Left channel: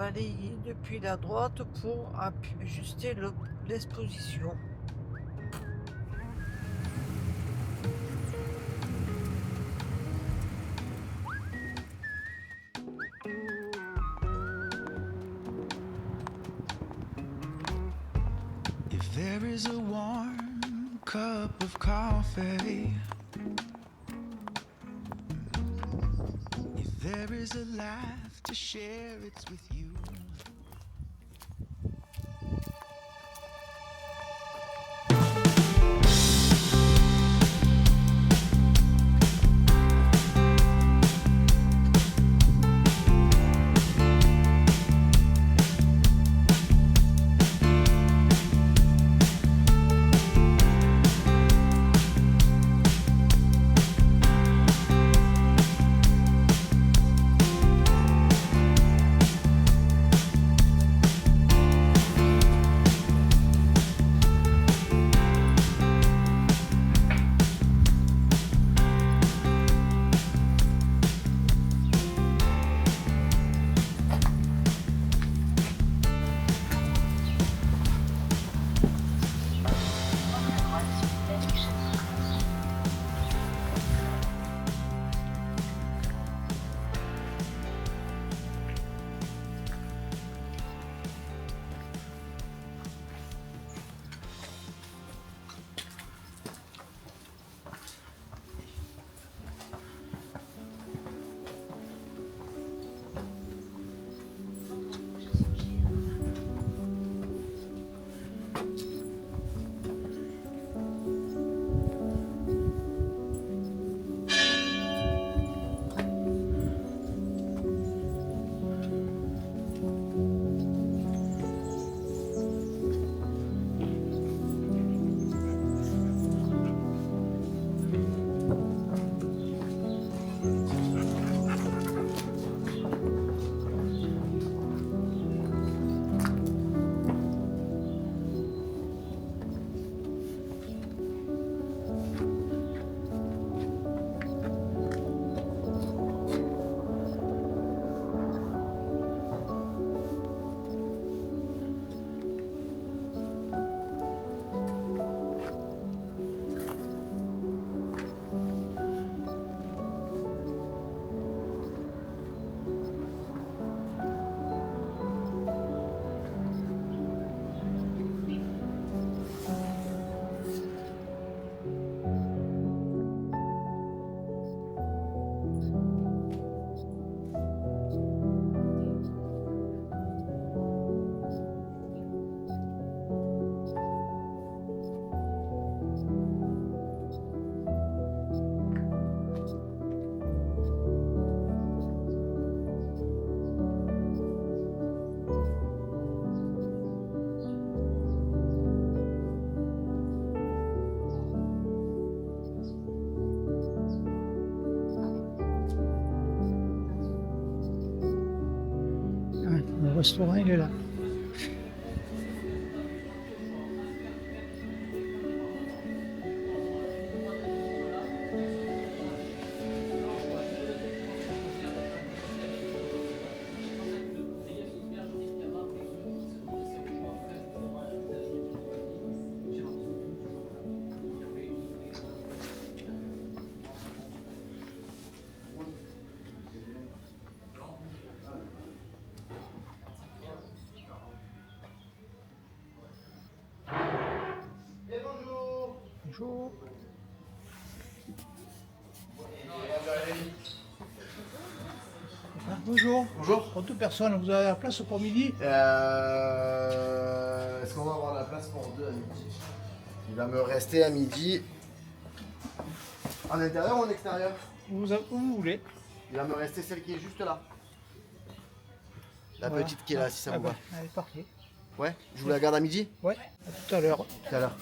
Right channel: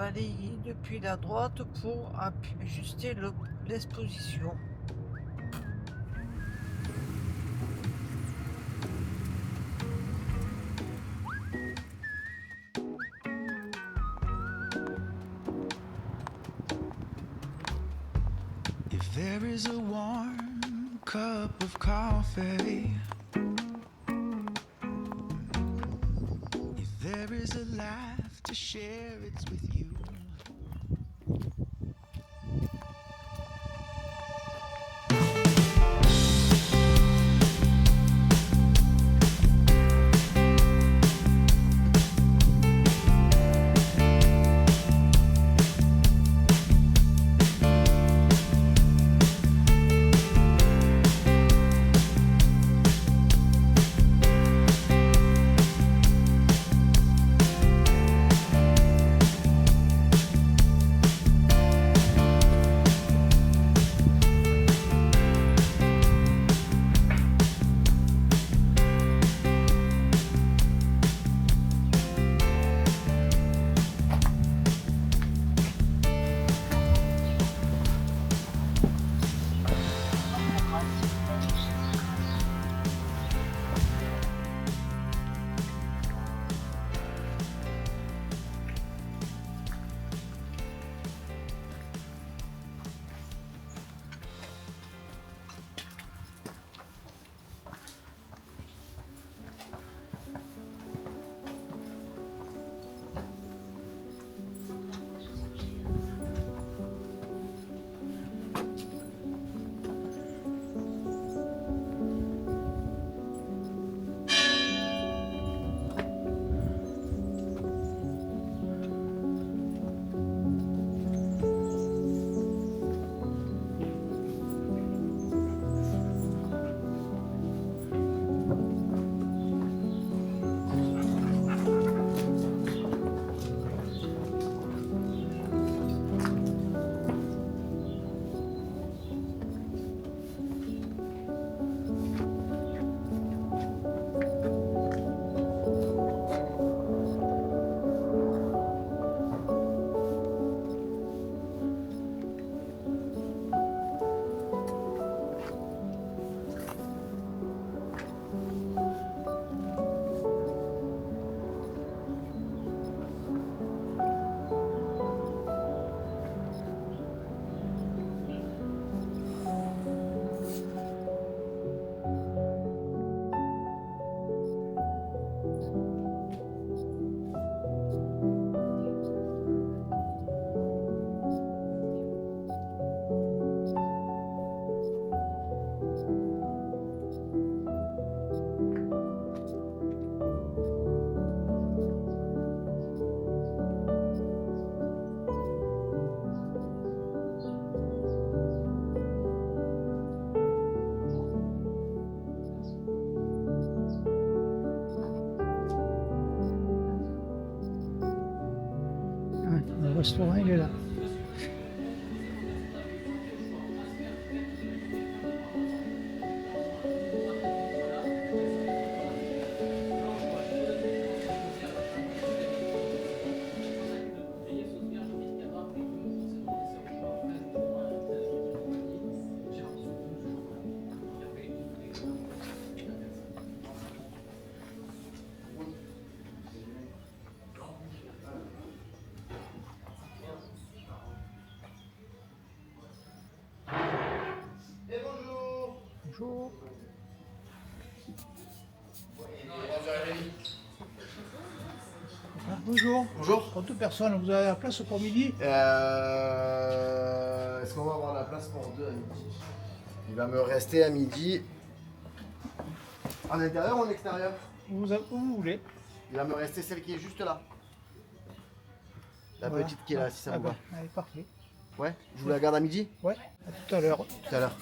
balayer depuis la droite pour ajuster l'exposition. If there is a warm cup of coffee, if there is a laugh to share, it's with you. Le restaurant, il est là. Bonjour. Ah, bonjour. Bonjour. Pour deux personnes, vous avez la place pour midi? Est-ce qu'on va avoir la place pour deux à midi? Il va me rester à midi. En intérieur ou en extérieur? Où vous voulez. Il va me rester celle qui est juste là. La Voilà. petite qui est là, si ça Ah vous ben, va. allez, parfait. Ouais, je vous la garde à midi? Ouais, à tout à l'heure. Tout à l'heure.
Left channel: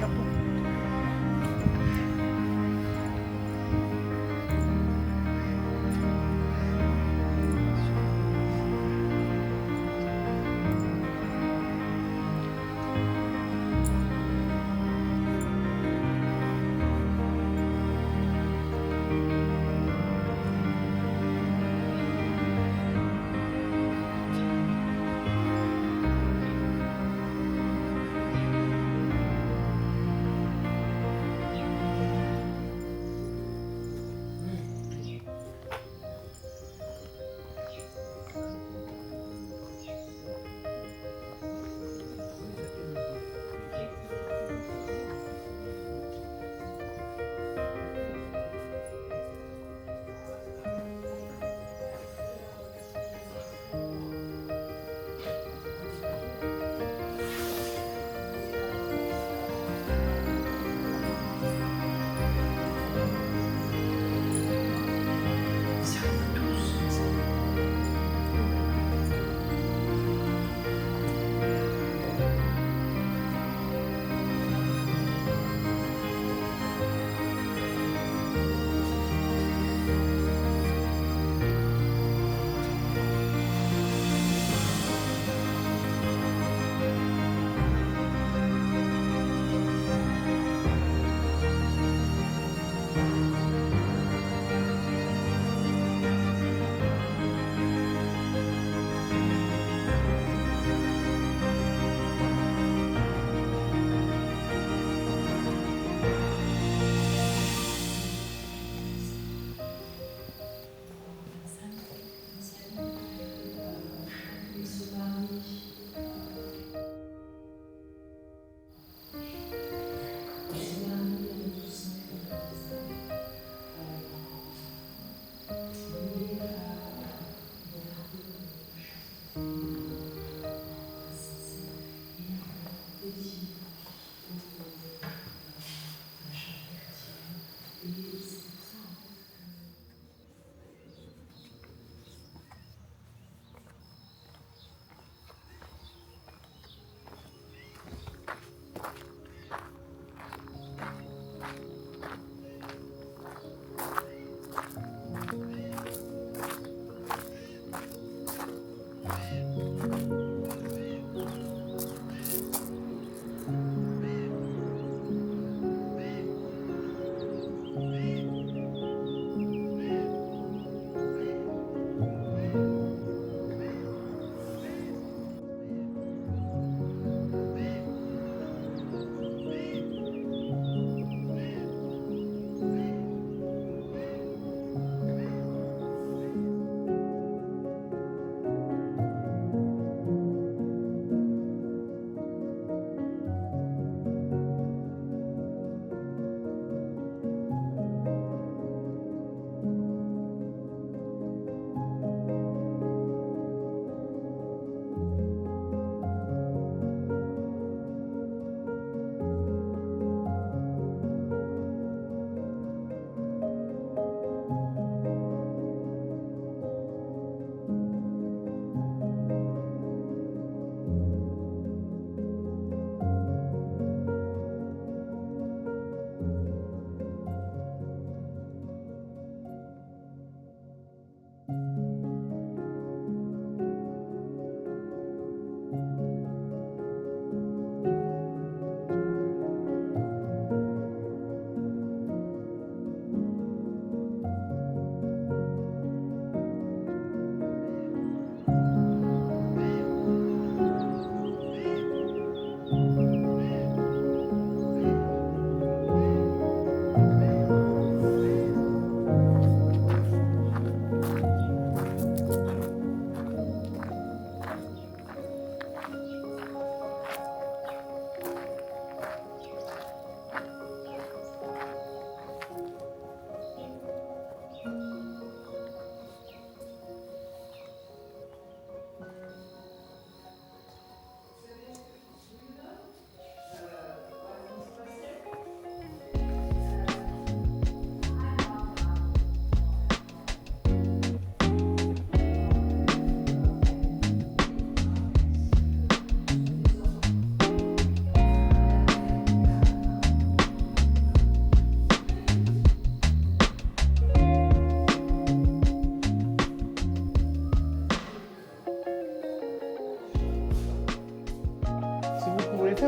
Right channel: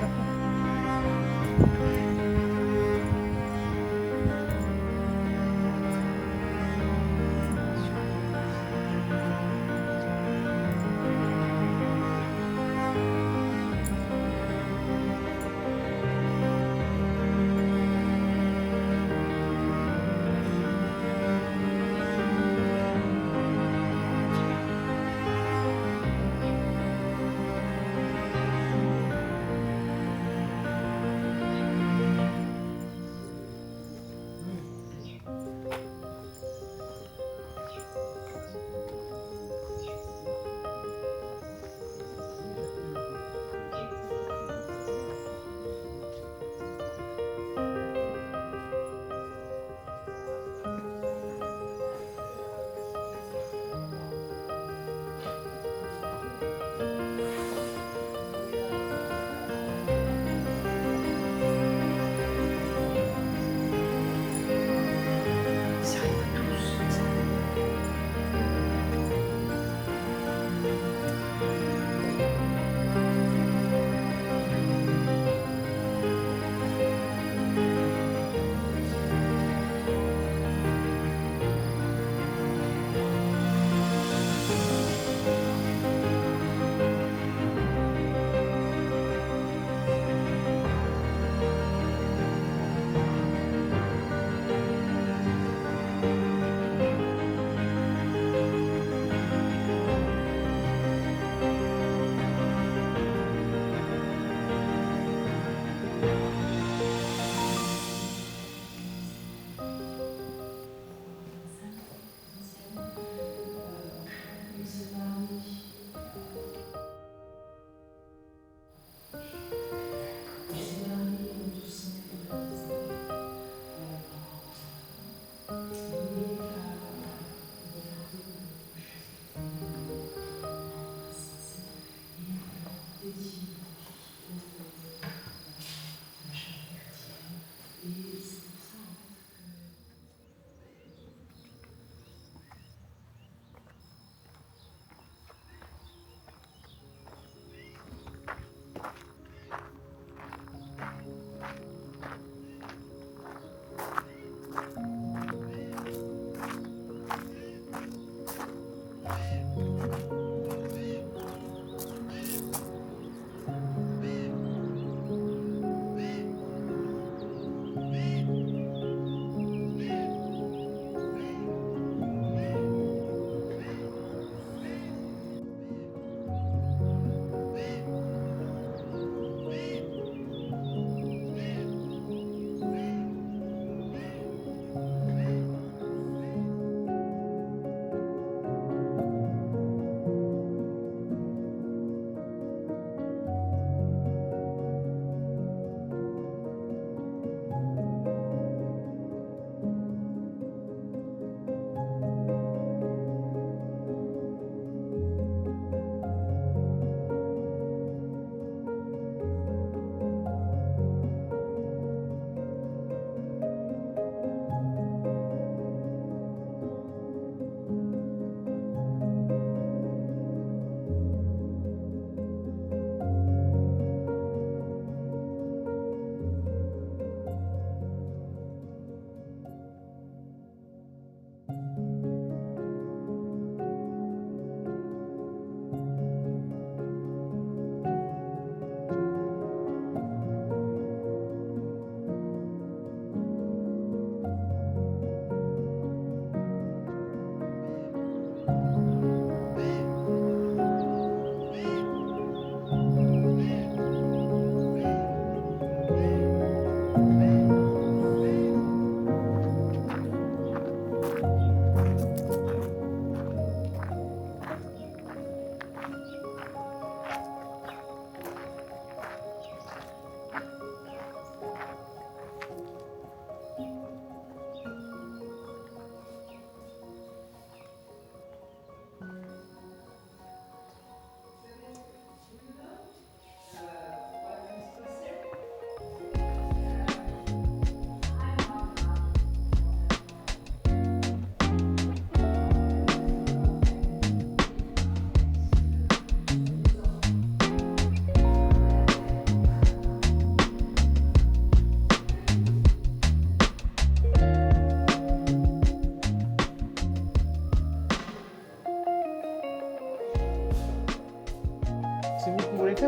chapeau.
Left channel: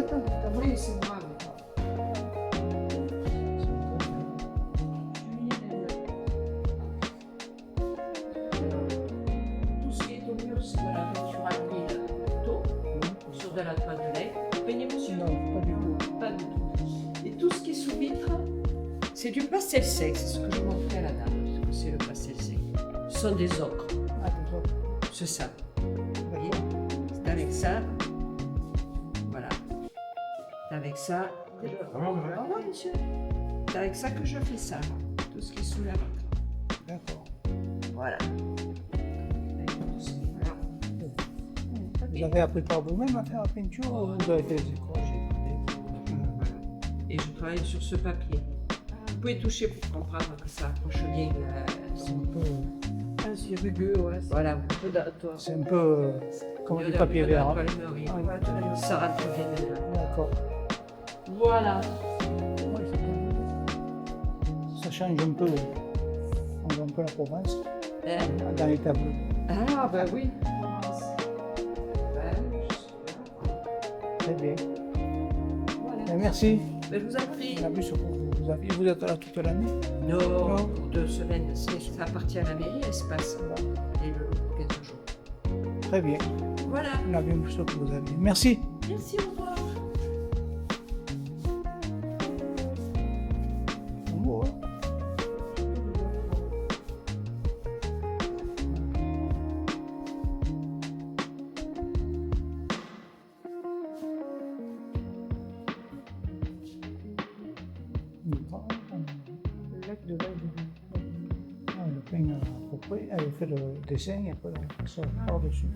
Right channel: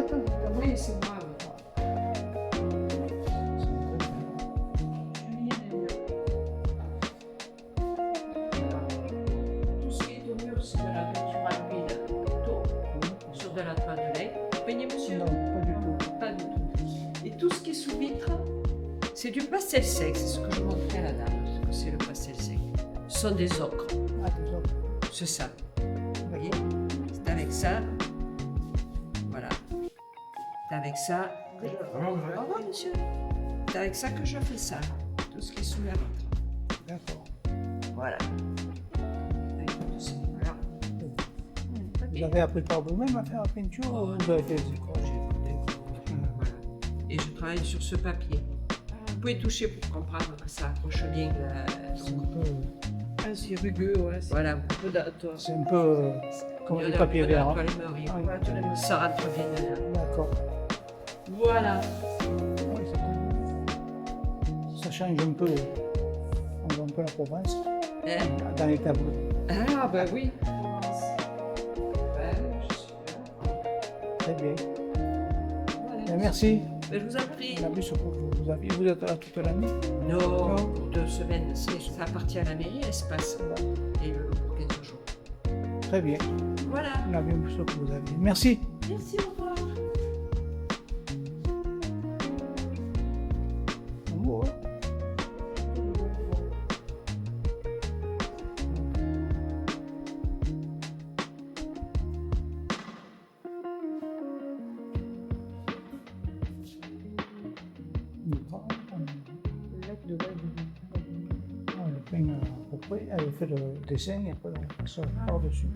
attends. Oui, c'est moi. Tout ce qui est au mur, c'est de la peinture à l'huile sur de la toile de lait. Peignez, monsieur? Non, pas du tout. Pas du tout. Et tout ce qui est sous vitre, c'est du pastel sec. C'est ce que je montrais à la dame. Ce que c'est le pastel sec. Ce sont des ocres. Ah, désolé. C'est ça. Vous voyez? D'accord. C'est avec ça. Voilà. C'est avec ça. Ah oui, monsieur. C'est avec ça que je fais ça. Tout ce qui est sous la vitre. D'accord. Voilà. Vous avez appris par vous-même à faire la peinture ou vous avez fait des écoles? Et je travaille sur ce papier. Vous pouvez toucher pour comprendre que ça accroche bien. C'est un peu, C'est rugueux, ouais. Voilà, beaucoup d'atomes. c'est un peu comme du papier vert. Hein. Ça rentre bien dedans. D'accord. Voilà. Ouais, c'est bien. Ça change un peu. On voit un peu la province Eh, dans les tableaux. Ah, bah oui. Très bien. Et merci. Je vous en prie. On a vu ce que vous êtes là toute l'année. Non, pour 2 semaines, ça appartient à la mairie, l'espace. Et le lot pour 15 jours. Très bien. Voilà. On a bien vu ce que vous avez. Merci. Merci, au revoir. Bon, hein. Ah, le pain à peu près, elle fait le dessin et après on passe par-dessus.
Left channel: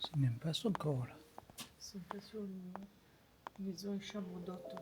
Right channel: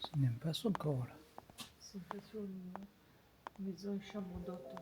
C'est même pas ça encore là. C'est pas sur une maison, chambre d'hôte.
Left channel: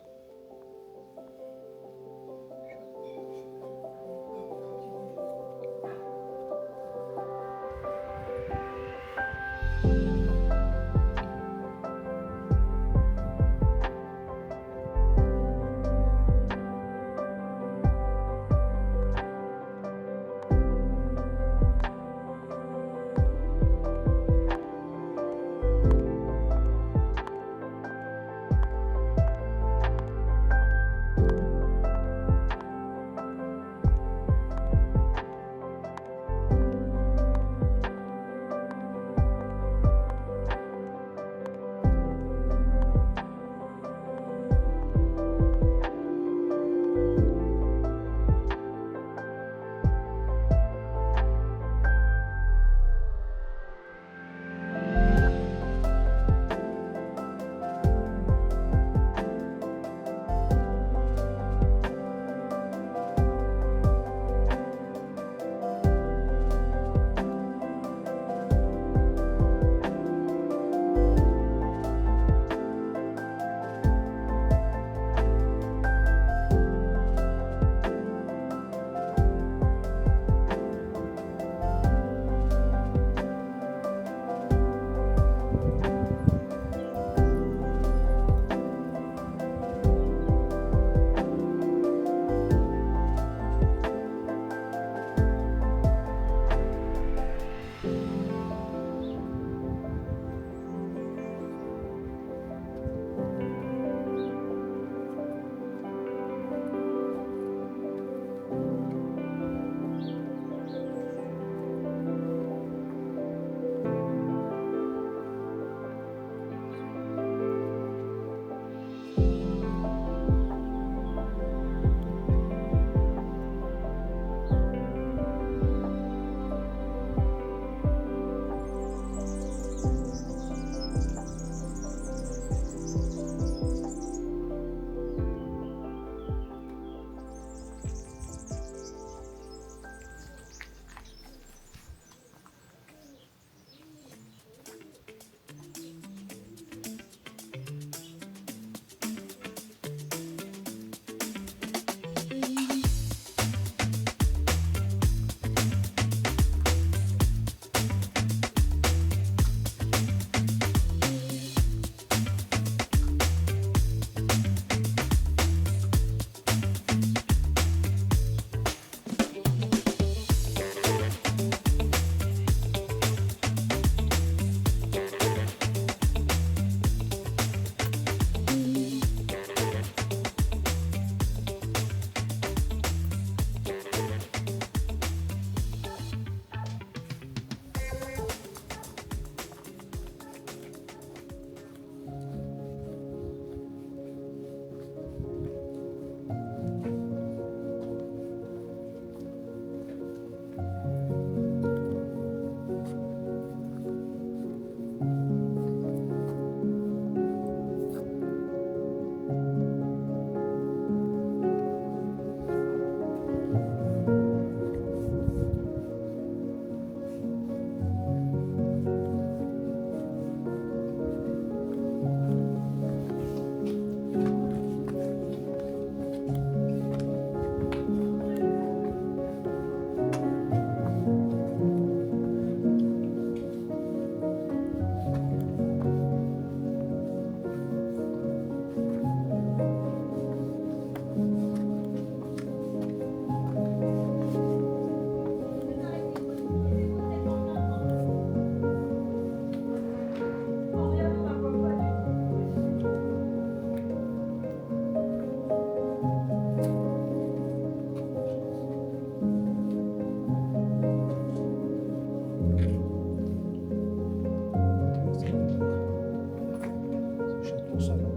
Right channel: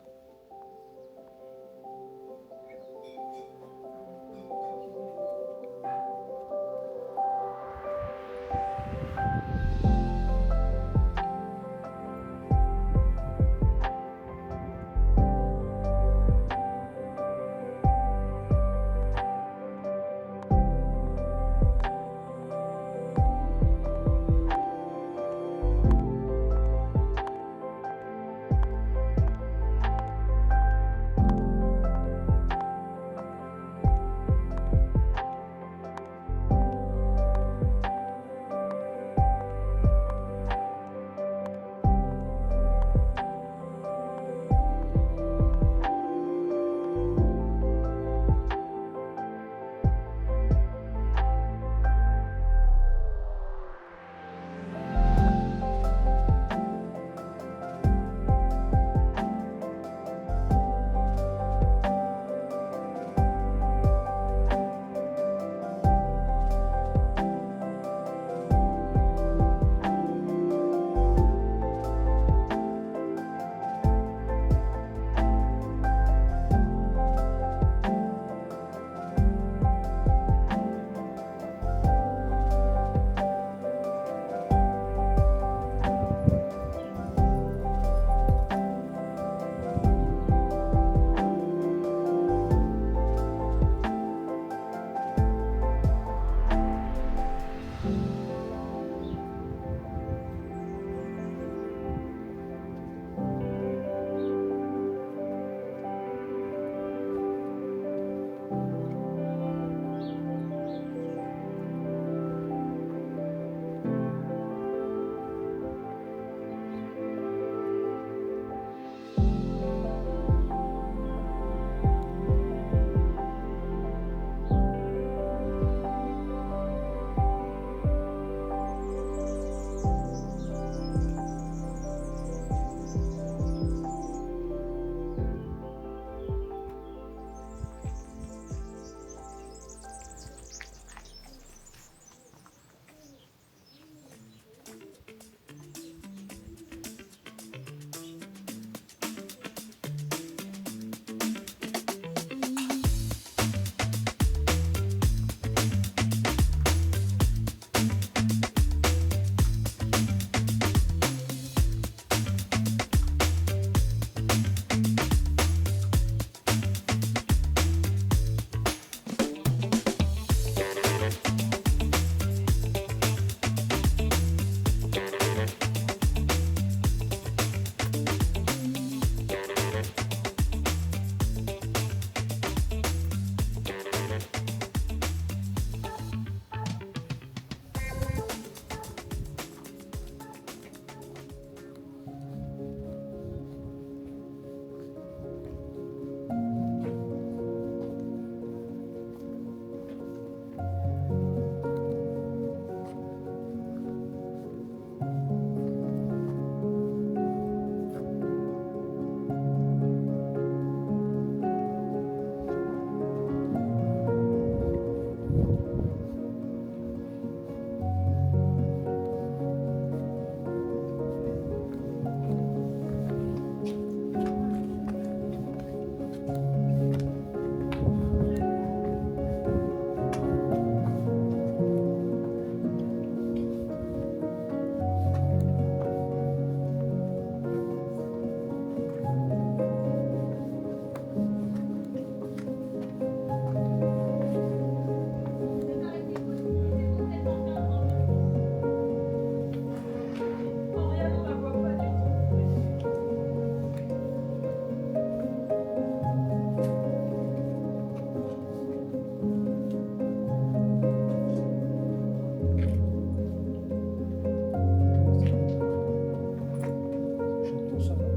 pour ça. Là.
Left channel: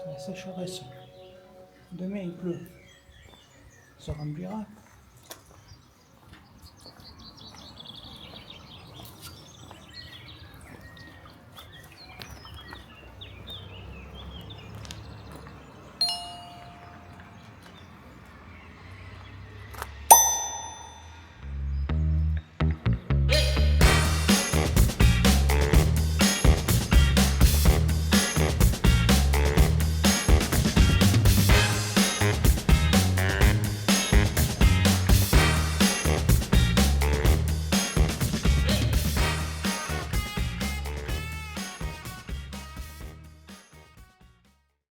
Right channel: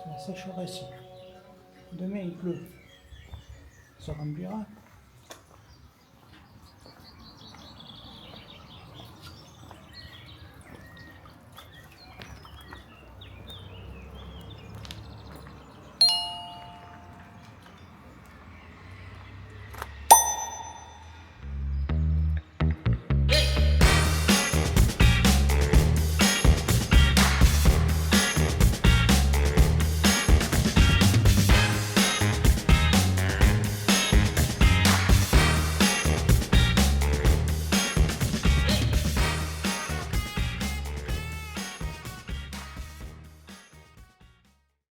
C'est la sécheresse. Demain il pleut. Ça remplira.